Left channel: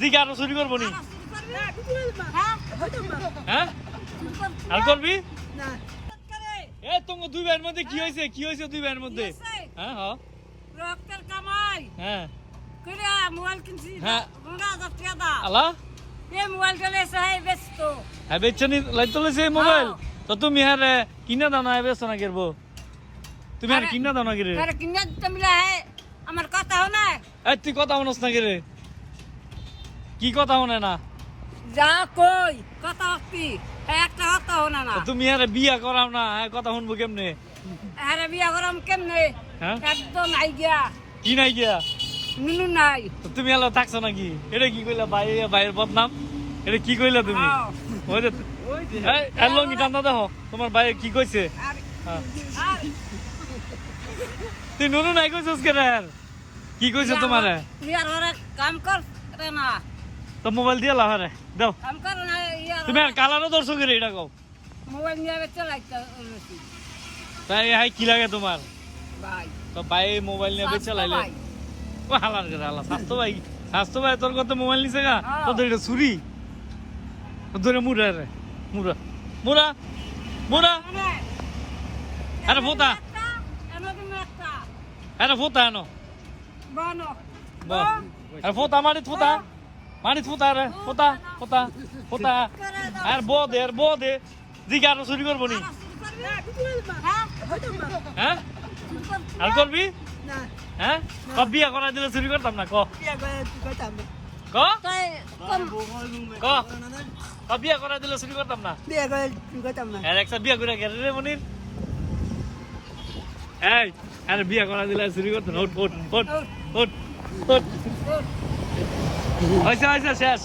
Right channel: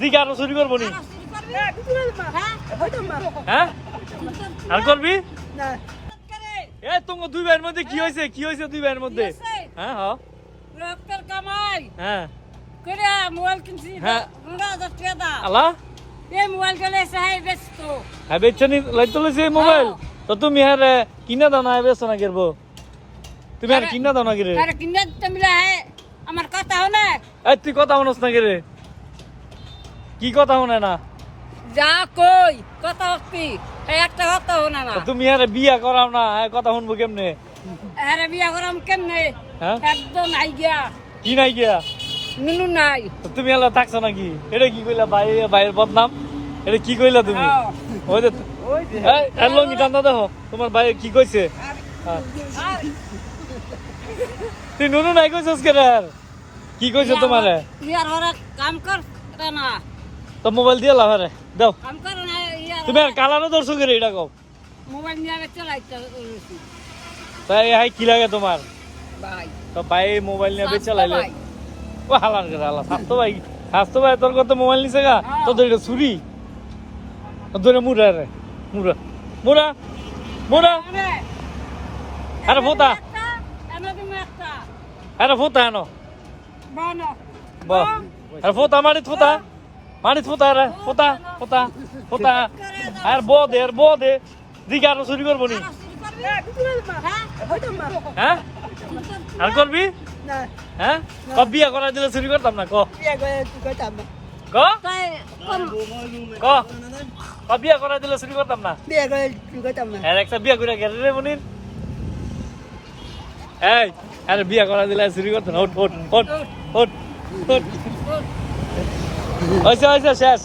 দিকে আরো চুরি করবো নি হ্যাঁ আর করবি এ তোমার দুই ভাইয়ের মধ্যে কি হয়েছে দুই ভাইয়ের মধ্যে হ্যাঁ হ্যাঁ রক্তের কামাই হ্যাঁ করে মোবাইল কিনছি হ্যাঁ। 15,000 টাকা দাম আলা এই মোবাইল গেলে সাহেব বেচতো হ্যাঁ বেচছনি লাইতে লইছে মোবাইল তো তুমি হ্যাঁ রে কিনা দাও না বেচছ না গেরবো তুমি আর কিনা দাও না গেরে আরে কিনে দিতে মিলে আমার কথা হনে এই তুই কথা হনস না গেরে কি কথা হনে না যা কই কথা হচ্ছি একটা কথা হনে না তো তুমি হ্যাঁ বিয়া করাও না হ্যাঁ কথা শুনবো কেমনে আরে বিয়া করাম কেমনে হ্যাঁ একদম নাই গিয়া কি নাই দিয়া নুনু নাই তো তুমি এলা থাকছো নাকি এটা কি কইলা ভাইয়ের বদনাম এটা কি কইলা তুমি হ্যাঁ। ওই যে এই লঙ্গি টান্দা দেখো তোমার ভাই কি কইছে হ্যাঁ। তুই নুনু নাই কইছস কে রে কি কইছে তোমারে ইয়ার ওরা কাম কর রে না তো মোবাইল দিয়ে লাভ রে দাও কাম কর না ইয়ার তুমি আর কালানো দর্শক রে এটা কও মোবাইল নিয়ে চালাইতে তাই হাই কি লাগে তোমার ভাই তো ভাই মোবাইল নিয়ে বেচে লাইলে ও হালার করে হালা স্বাস্থ্য ভাই তোর কত মোবাইল নিছে গা তোদের এটা চুরি তোদের মুড়া রে মুড়া মুড়া মুড়া আরে ফোতা আরে ফোতা আনো বাহ আরে ফোতা মারিত ফোতা রে ফোতা আর বো দে দিকে আরো চুরি করবো নি হ্যাঁ আর করবি হ্যাঁ কত বিয়া করা দিলে চুরি করতাম না ক বিয়া করা দিলে চুরি করতাম না আর একটা বিয়া করে গেল রে মনির এই আরে বিয়া করা দিলে চুরি করতাম ওট হইছে শেষ